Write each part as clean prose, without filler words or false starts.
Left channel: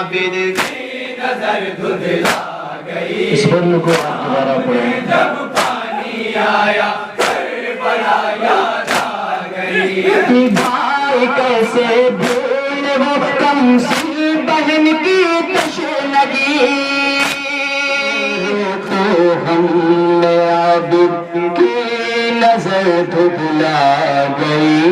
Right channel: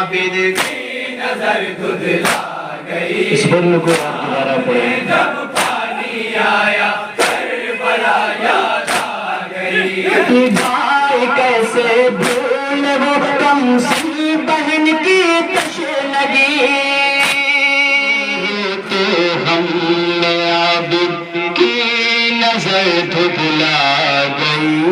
عابد کی نظر دھندلا گئی. اس بڑھنے کو آپ دوبارہ پڑھیں. جب پانی آیا کربلا یاد آ گئی. بھائی کیسے بھول وہ کم سی بہن کی کشے لگی. تو ہم عابد کی نظر دھندلا گئی.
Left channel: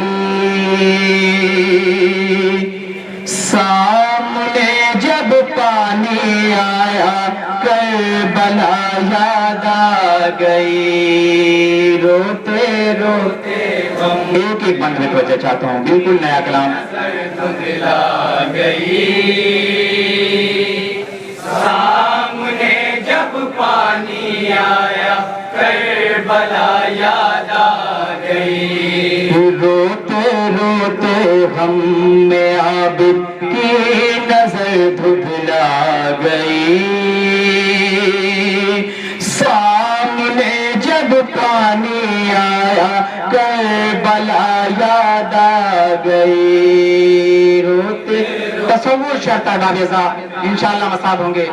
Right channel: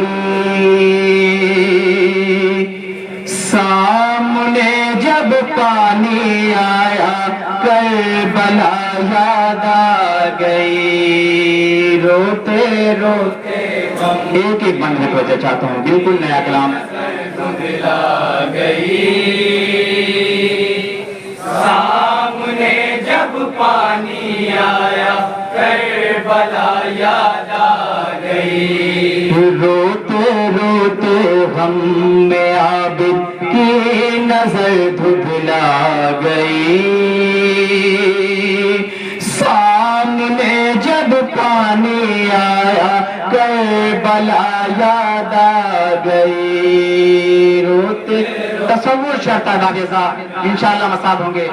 سامنے جب پانی آیا کربلا یاد آ گئی. روتے روتے ایک ایک بند میں توجہ چاہتا ہوں, بالکل نیا کلام. دھندلا گئی. سامنے جب پانی آیا کربلا یاد آ گئی. روتے روتے ہم عابد کی نظر دھندلا گئی. سامنے جب پانی آیا کربلا یاد آ گئی. روتے تصور شرط ہے انشاءاللہ مصاب ہوں گے.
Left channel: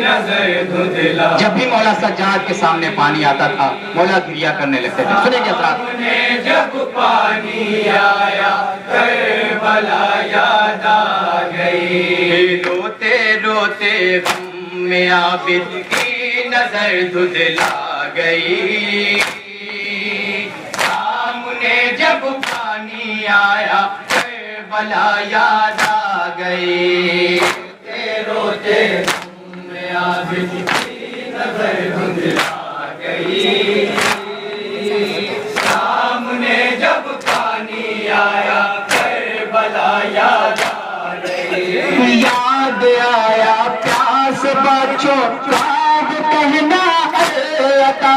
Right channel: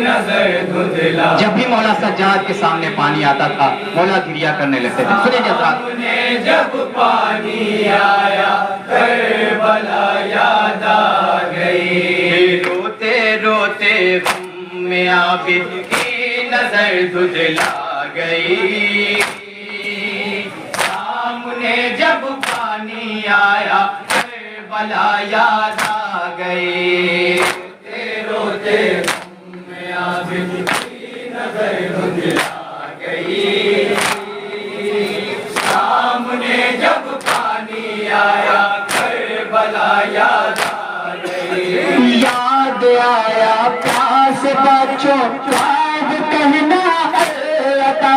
نظر دھندلا جب بھی مولا سجاد کے سامنے پانی آتا تھا مولا گریا کرنے لگتے تھے. سنیں جی حضرات. سامنے جب پانی آیا کربلا یاد آ گئی. روتے روتے غم عابد کی نظر دھندلا گئی. سامنے جب پانی آیا کربلا یاد آ گئی. روتے روتے عابد کی نظر دھندلا گئی. سامنے جب پانی آیا کربلا یاد آ گئی. یاد آیا پیاس بچوں خواب کہنا عطا.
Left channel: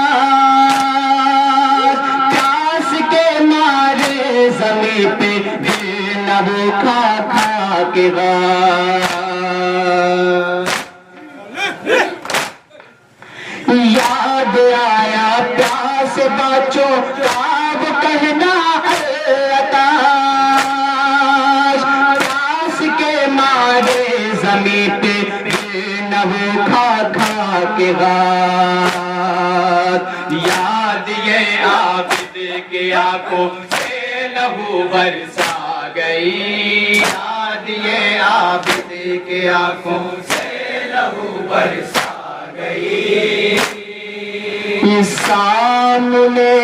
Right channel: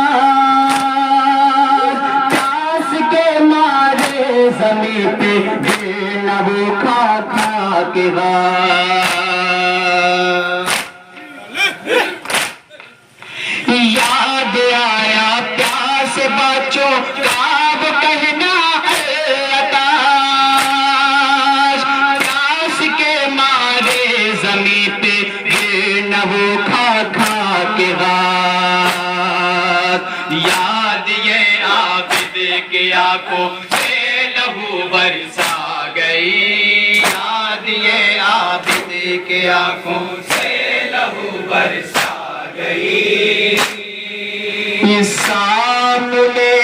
پیاس کے مارے زمین پہ بے نبو کھا کھا کے یاد آیا پیاس بچوں خواب کہنا عطا. پیاس کے مارے زمین پہ بے نبو کھا کھا کے یاد یہ عابد کی آنکھوں سے لہو برسا گئی. یاد یہ عابد کی آنکھوں سے لہو برسا گئی. سامنے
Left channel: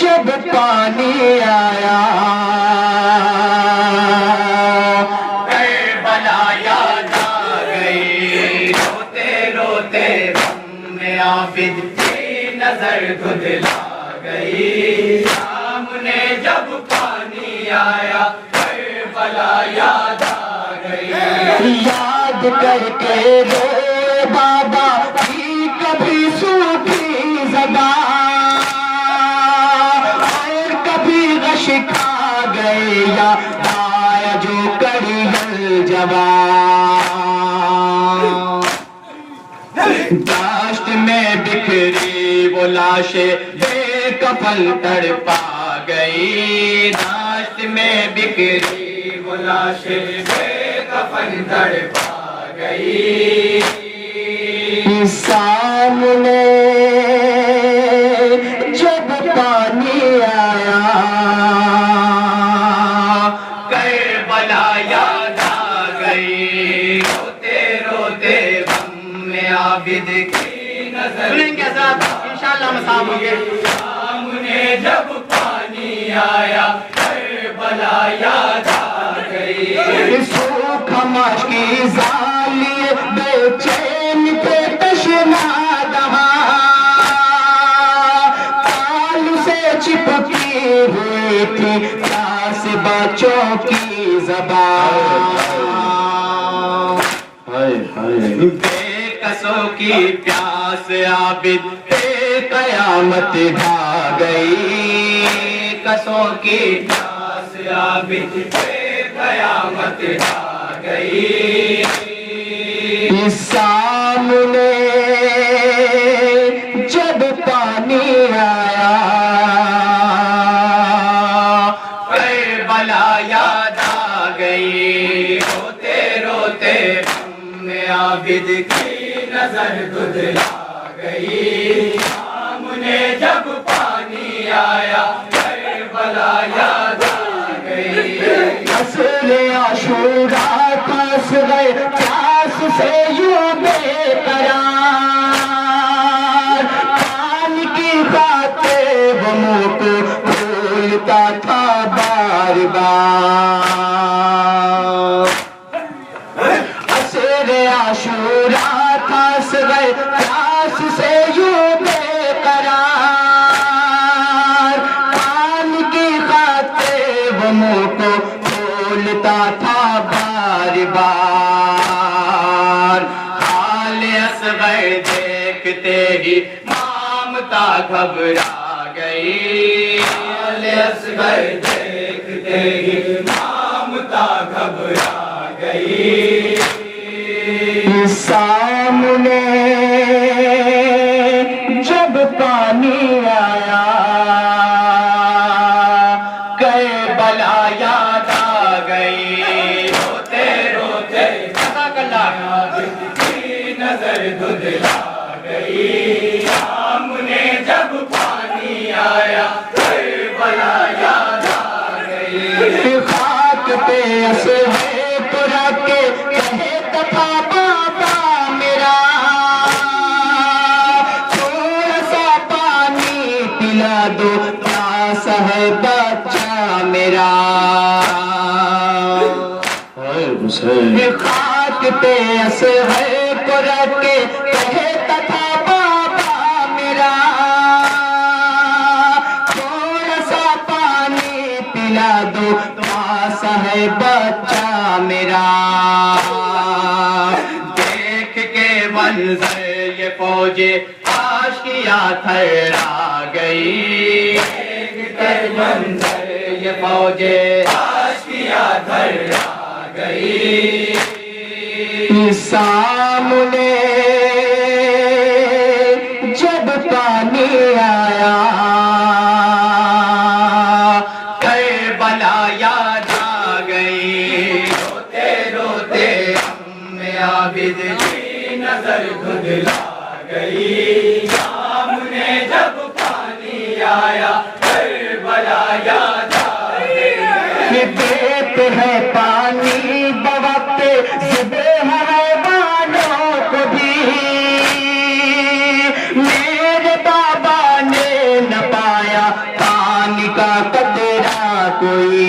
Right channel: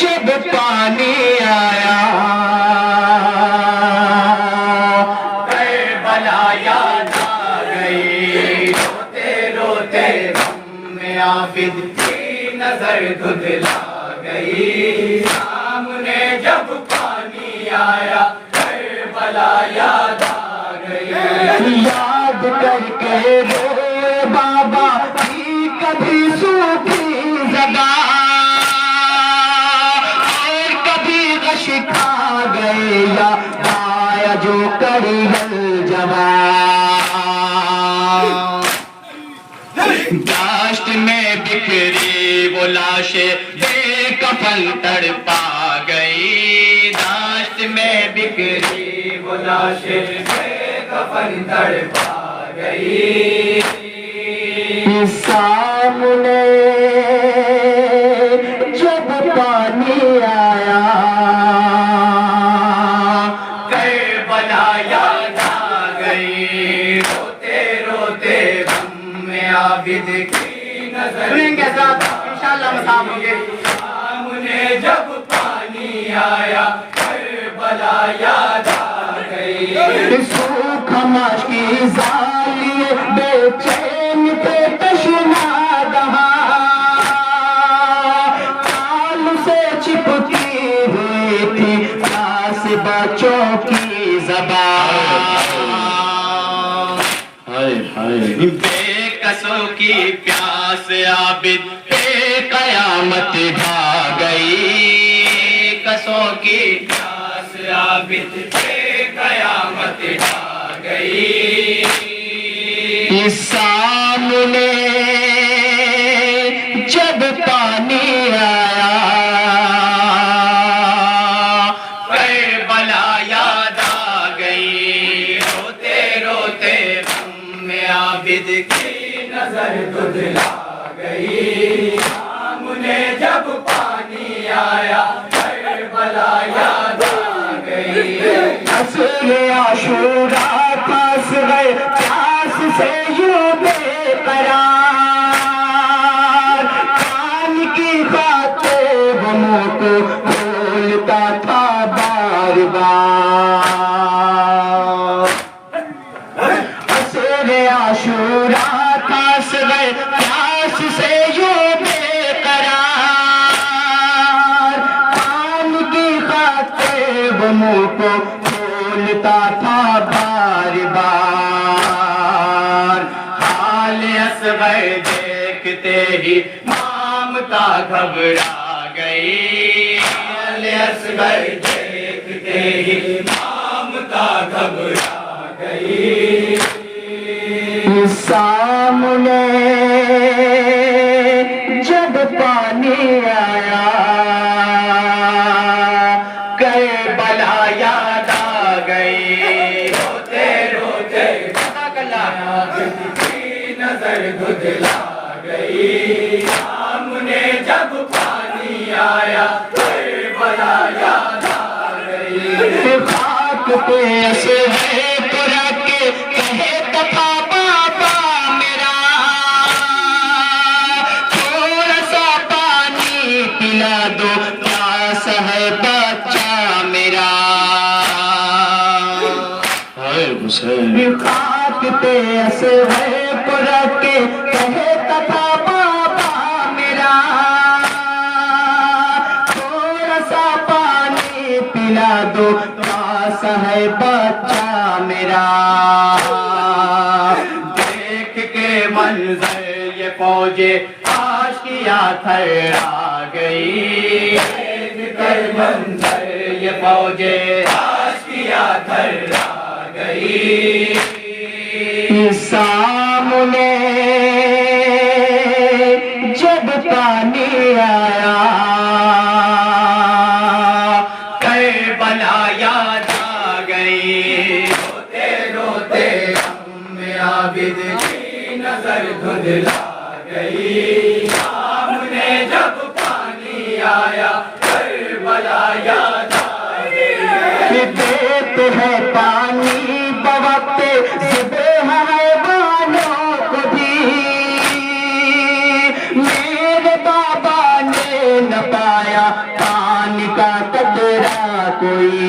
جب پانی آیا کربلا یاد آ گئی. روتے روتے غم عابد کی نظر دھندلا گئی. سامنے جب پانی آیا کربلا یاد آ گئی. یاد کر کے روئے بابا کی کبھی سوکھی زبان اور کبھی غش کھا گئے یا آیا جو کری جوان. داشت میں بکھری وہ لاشیں بے کفن تڑپا گئی. داشت میں بکھری وہ لاشیں بے کفن تڑپا گئی. سامنے جب پانی آیا کربلا یاد آ گئی. روتے روتے غم عابد کی نظر سنیں گے حضرات انشاءاللہ مصاب ہوں گے. سامنے جب پانی آیا کربلا یاد آ گئی. سوکھ خماش کی زالیے بے چین پہ تشنا دہاں تال سے چپکی ہوئی تھی پاس بچوں کی زبان. بے کسوں کی پیاس عابد پہ قیامت ڈھا گئی. کسوں کی پیاس عابد پہ قیامت ڈھا گئی. سامنے جب پانی آیا کربلا یاد آ گئی. روتے عابد کی نظر دھندلا گئی، سامنے جب پانی آیا کربلا یاد آ گئی۔ عصر عاشورا پھنس گئے پیاس سے یوں بے قرار، پانی کی خاطر غموں کو کھولتا تھا بار بار۔ عصر عاشورا پھنس گئے پیاس سے یوں بے قرار، پانی کی خاطر غموں کو کھولتا تھا بار بار۔ حال اصغر دیکھتے ہی مامتا گھبرا گئی، حال اصغر دیکھتے ہی مامتا گھبرا گئی۔ سامنے جب پانی آیا کربلا یاد آ گئی، روتے روتے عابد کی نظر دھندلا گئی، سامنے جب پانی آیا کربلا یاد آ گئی۔ خاک پہ اسے تو رکھ کے کہتا تھا بابا میرا، تھوڑا سا پانی پلا دو پاس ہے بچہ میرا۔ خاک پہ اسے تو رکھ کے کہتا تھا بابا میرا، تھوڑا سا پانی پلا دو پاس ہے بچہ میرا۔ دیکھ کے منظر یہ فوجیں آشیاں تھرا گئی، دیکھ کر منظر یہ فوجیں آشیاں تھرا گئی۔ سامنے جب پانی آیا کربلا یاد آ گئی، روتے روتے عابد کی نظر دھندلا گئی، سامنے جب پانی آیا کربلا یاد آ گئی۔ دیتے ہیں پانی بوقت ذبح حیوانوں کو بھی، میرے بابا نے نہ پایا پانی کا قطرہ کوئی۔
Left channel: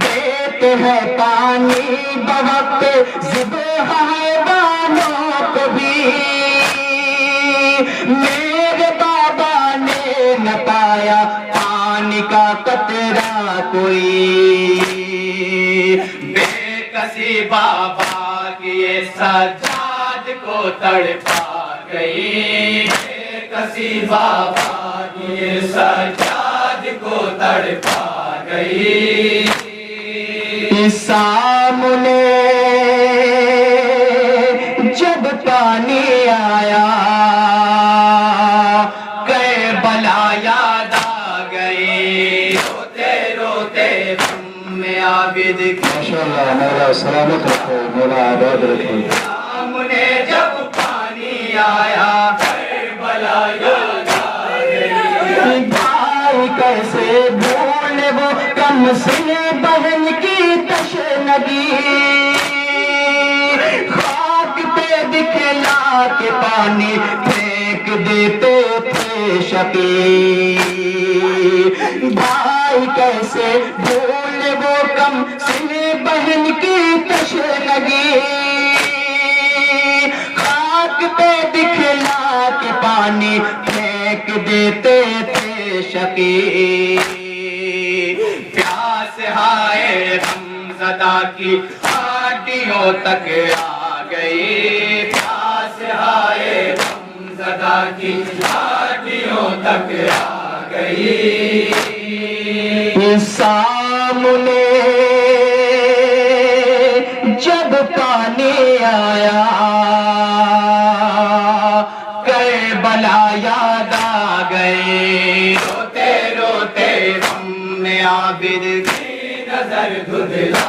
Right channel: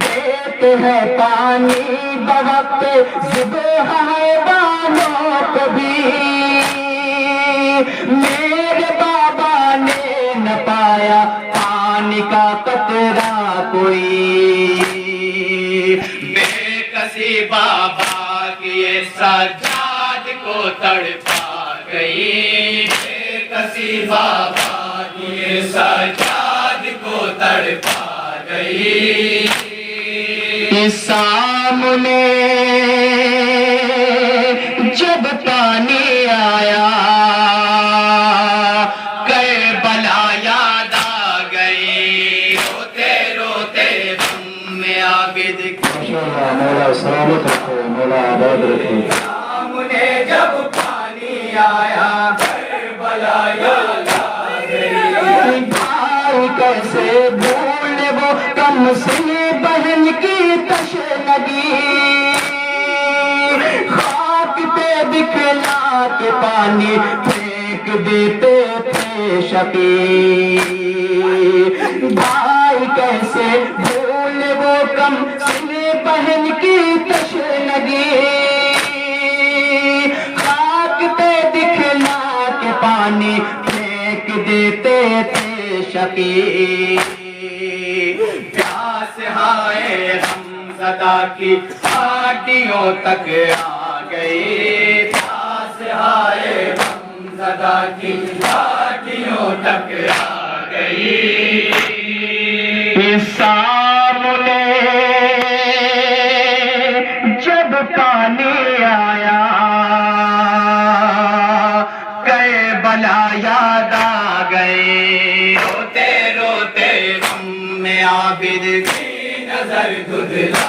دیتے ہیں پانی بوقت ذبح حیوانوں کو بھی، میرے بابا نے نہ پایا پانی کا قطرہ کوئی۔ بے کسی بابا کی یہ سجاد کو تڑپا گئی، بے کسی بابا کی یہ سجاد کو تڑپا گئی۔ سامنے جب پانی آیا کربلا یاد آ گئی، روتے روتے عابد میرا سلامت رکھو، میرا عباد رکھو۔ سامنے جب پانی آیا کربلا یاد آ گئی۔ بھائی کیسے بھولے وہ کم سن بہن کی تشنگی، خاک پہ دکھلا کے پانی پھینک دیتے تھے شقی۔ بھائی کیسے بھولے وہ کم سن بہن کی تشنگی، خاک پہ دکھلا کے پانی پھینک دیتے تھے شقی۔ پیاس ہائے غم زدہ کی ہڈیوں تک آ گئی، پیاس ہائے غم زدہ کی ہڈیوں تک آ گئی۔ سامنے جب پانی آیا کربلا یاد آ گئی، روتے روتے عابد کی نظر دھندلا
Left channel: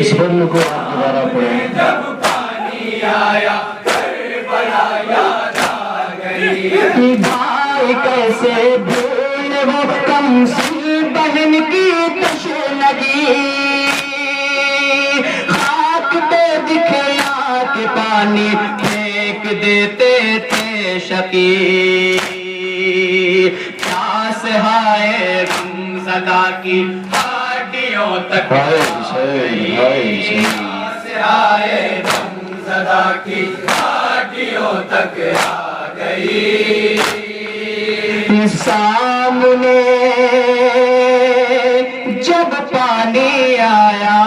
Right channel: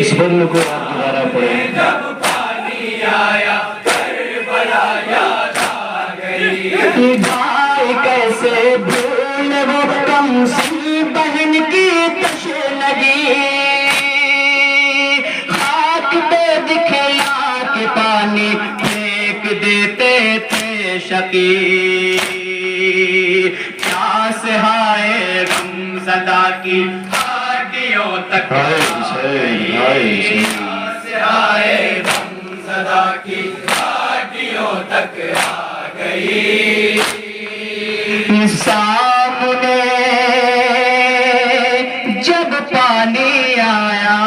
اس بول کو آپ دوبارہ پڑھیں. جب پانی آیا کربلا یاد آ گئی. بھائی کیسے بھول وہ کم سن بہن کی تشنگی، خاک پہ دکھلا کے پانی پھینک دیتے تھے شقی. کیا سہائے غم زدہ کی ہڈیوں تک سہائے غم زدہ کی ہڈیوں تک آ گئی. سامنے جب پانی آیا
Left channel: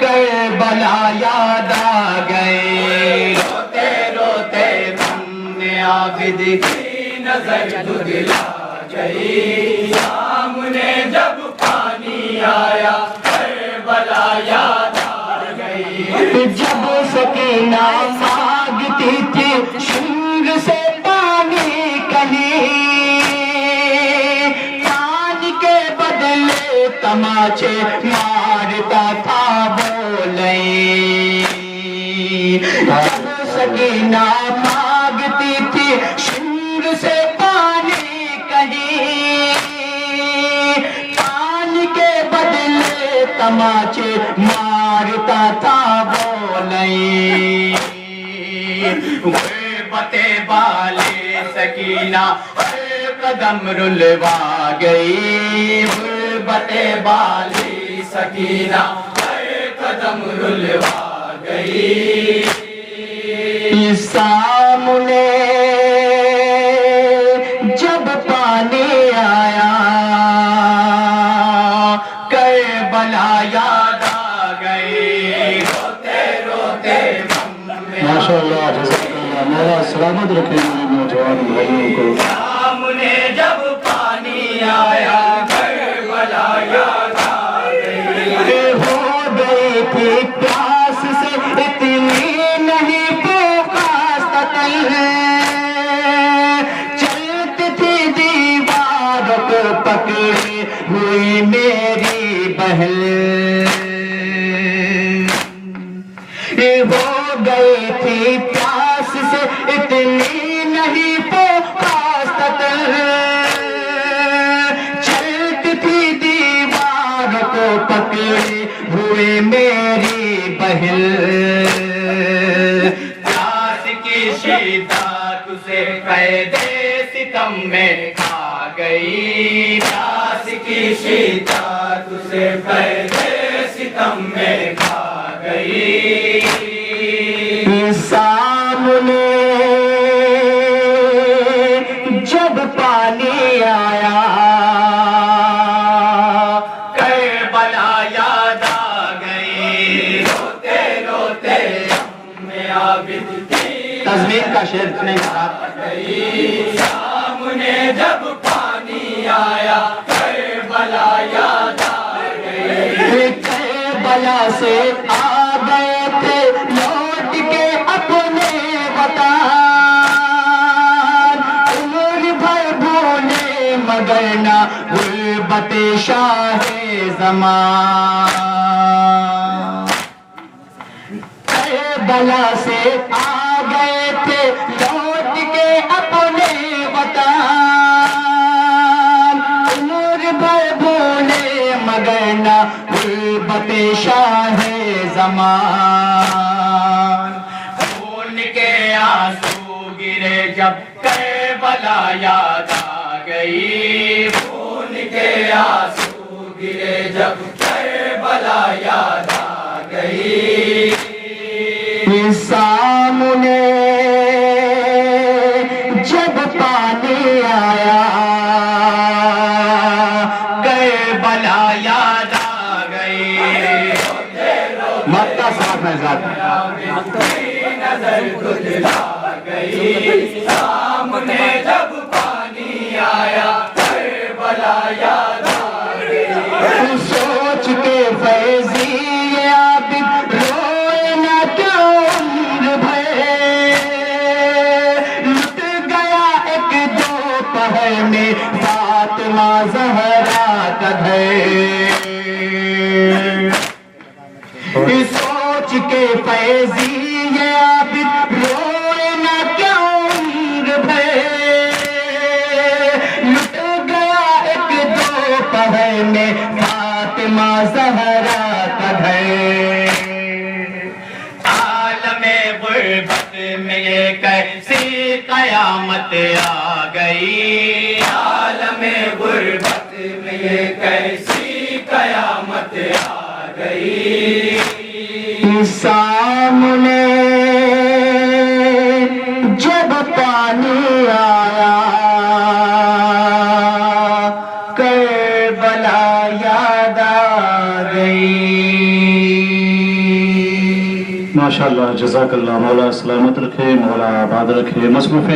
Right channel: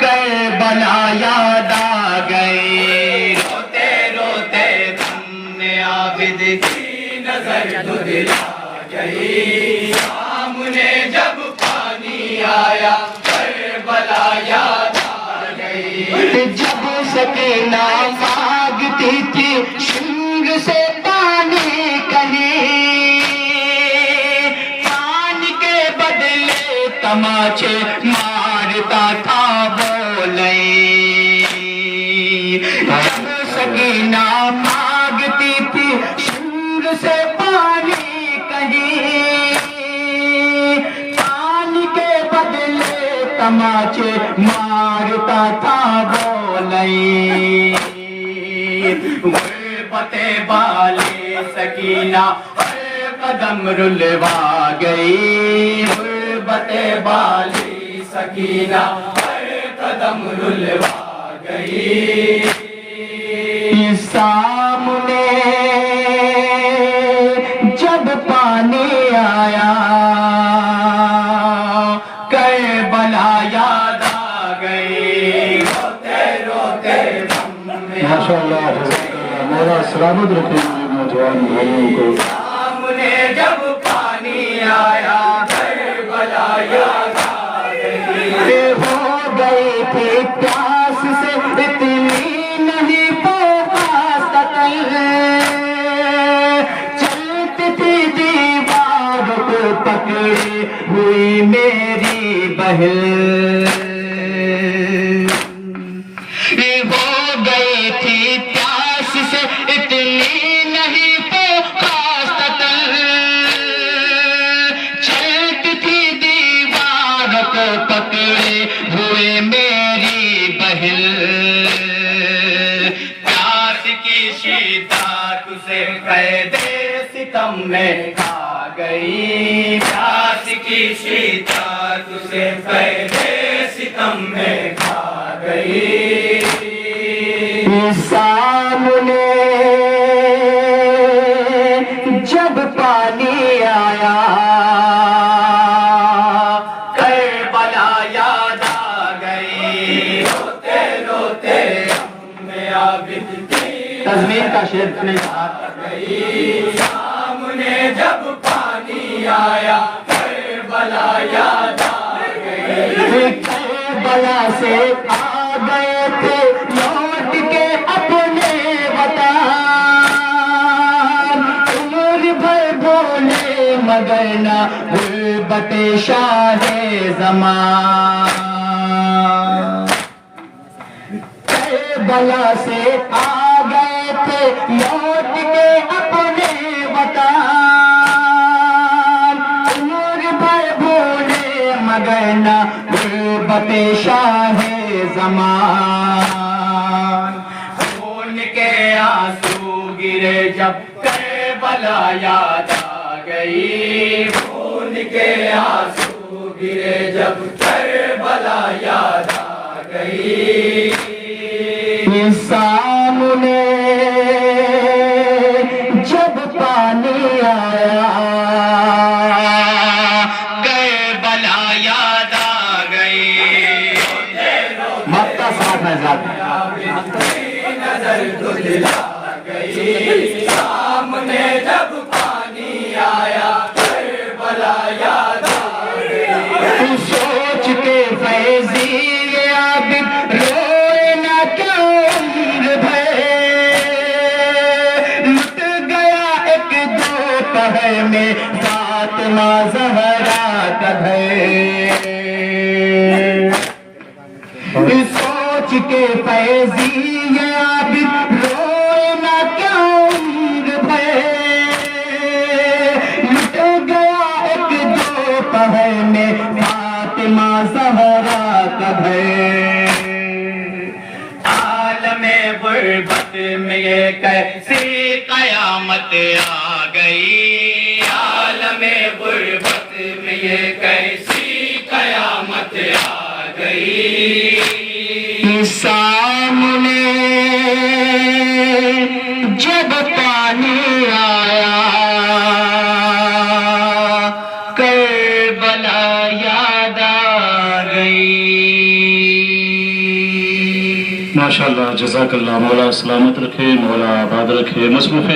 کربلا یاد آ گئی. روتے روتے ہم نے عابد کی نظر دھندلا گئی. سامنے جب پانی آیا کربلا یاد آ گئی. جب سکینہ مانگتی تھی شنگ سے پانی کہیں، پانی کے بدلے تماچے مارتا تھا بولیں. جب سکینہ مانگتی تھی شنگ سے پانی کہیں، پانی کے بدلے تماچے مارتا تھا بولیں. غربت والے سکینہ قدم رلوا گئی. غربت والی سکینہ قدم رلوا گئی. سامنے جب پانی آیا کربلا یاد آ گئی. روتے روتے ماشاءاللہ میرا سلامت رکھے نوجوان بھائیوں کو. سامنے جب پانی آیا کربلا یاد آ گئی. ہو گئی تھی پیاس سے اتنی نہیں پیاس تل، چلتی تھی دیوار کو پکڑی ہوئی میری بہن. ہو گئی تھی پیاس سے اتنی نہیں پیاس تل، چلتی تھی دیوار کو پکڑے ہوئے میری بہن. پیاس کی شدت سے قید ستم میں کھا گئی. پیاس کی شدت سے قید ستم میں کھا گئی. سامنے جب پانی آیا کربلا یاد آ گئی. روتے روتے ہم عابد کی تزمین کا شعر نہیں گئی. سامنے جب پانی آیا کربلا یاد آ گئی. کربلا سے آ گئے تھے لوٹ کے اپنے وطن، عمر بھر بھولے مگر نہ غربت شاہ زمان. کربلا سے آ گئے تھے لوٹ کے اپنے وطن، عمر بھر بھولے مگر نہ غربت شاہ زمان. خون کے آنسو گرے جب کربلا یاد آ گئی. خون کے آنسو گرے جب کربلا یاد آ گئی. سامنے جب پانی آیا کربلا یاد آ گئی. مکہ ساتھ نظر دھندلا گئی. سامنے جب پانی آیا کربلا یاد آ گئی. سوچ کے فیضی عابد روئے نہ کیا عمر بھر، لٹ گیا ایک دو پہر میں فاطمہ زہرا کا گھر. کے فیضی یہ عابد روئے نہ کیا عمر بھر لٹ گیا ایک دوپہر میں فاطمہ زہرا کا گھر عالم غربت میں یہ کیسی قیامت آ گئی عالم غربت میں یہ کیسی قیامت آ گئی سامنے جب پانی آیا کربلا یاد آ گئی ماشاءاللہ جزاک اللہ مولا سلامت رکھے مولا آباد رکھے مصروف